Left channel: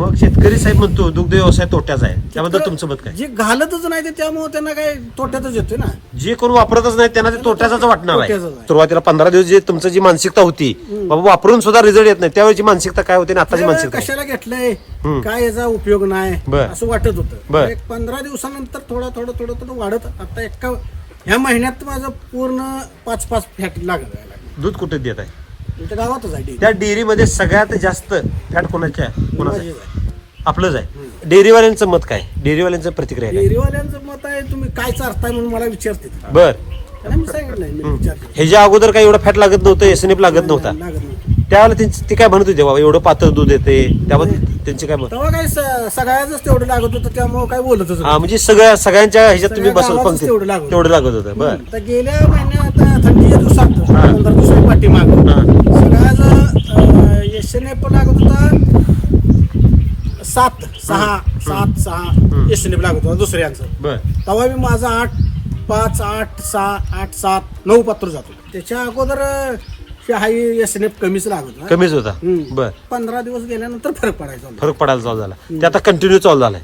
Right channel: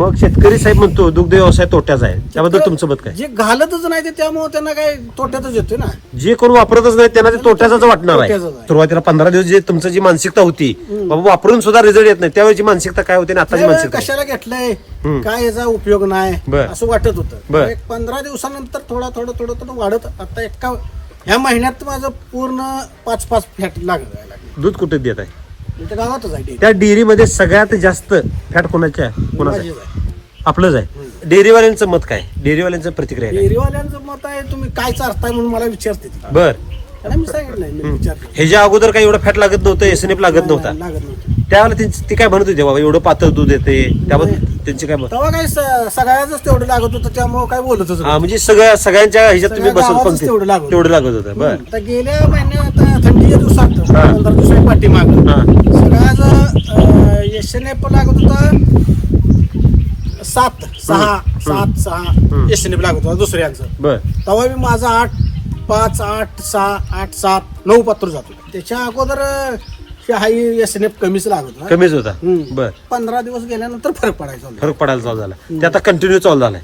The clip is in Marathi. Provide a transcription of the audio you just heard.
मग शेतकरी साहेब म्हणतो दुग्ध व्यवसाय तोट्याचा आहे, त्याबद्दल तुमचं मत काय? जे घालतच नाही ते त्यामुळे त्यांना काय तोट्यातच येतोय ना. जे कोण वापरतच नाही त्यांना ते तोट्याचाच वाटणार आहे. तोट्याचंच आहे. सुरुवातीला 15 दिवस जे तुमचं जी मानसिकता होती बाबा वापरून सुद्धा रिझल्ट येत नाही, त्यावेळेची मानसिकता काय होती आणि आताची त्यावेळी मानसिकता कशाला घेतलंय काय याचा उपयोग नाही बर. असं वाटत होतं. बर. एक 15 दिवसानंतर थोडं वाढत आता ह्या महिन्यात माझं पूर्ण 5-5 फॅट लागायला लागले. दूध कुठे देत आहे? इथं गावातच आहे डेअरी. त्या डेअरीमध्ये सगळ्यात जास्त फॅट कोणाच्या आहे? कोणाचं आहे? माझीच आहे. आपलंच आहे. डेअरीवाल्यांचं मत काय? डेअरीवाल्यांचं प्रतिक्रिया काय? डेअरीवाल्यांचं मत आहे तुम्ही काय चारताय म्हणून मला विचारते. बर. त्यांना मी सांगितलं नाही, मी विचारते. ह्याच्या अगोदर काही एवढं फॅट लागत नव्हतं, एसएनएफ लागत नव्हता, लागत नव्हतं. त्यावेळेला ती काय म्हणत होती बाबा एवढं पातळ दूध येते, त्याबद्दल त्यांचे काय मत? तेव्हा काय सगळ्याच तेवढं लागत होतं त्यामुळे काय बोलत होतं. हा, म्हणजे सगळ्यांच्या ह्याच्यात तुम्ही सगळ्या बसल गावातच पंक्तीत. तेवढं लागत तेवढं लागत होतं. बर. आता गेल्या महिन्यात आता थंडीच्या दिवसात 15 दिवसाच्या पाठीमाग हा. सगळ्याच एसएनएफ लागत होता 7-6 एसएनएफ लागत होता दुसऱ्यांचं. बर. तेव्हा मी माझा 8-5, 8-6, 8-7, 9 पात्र जातो. त्याच्या अगोदर हाई एसएनएफ कमीच लागत होता. कमीच होता. बर. 15 दिवस गेल्यानंतर फरक पडायचा. फरक पडायला चालू झाला, ते आता कंटिन्यू चालू झालाय.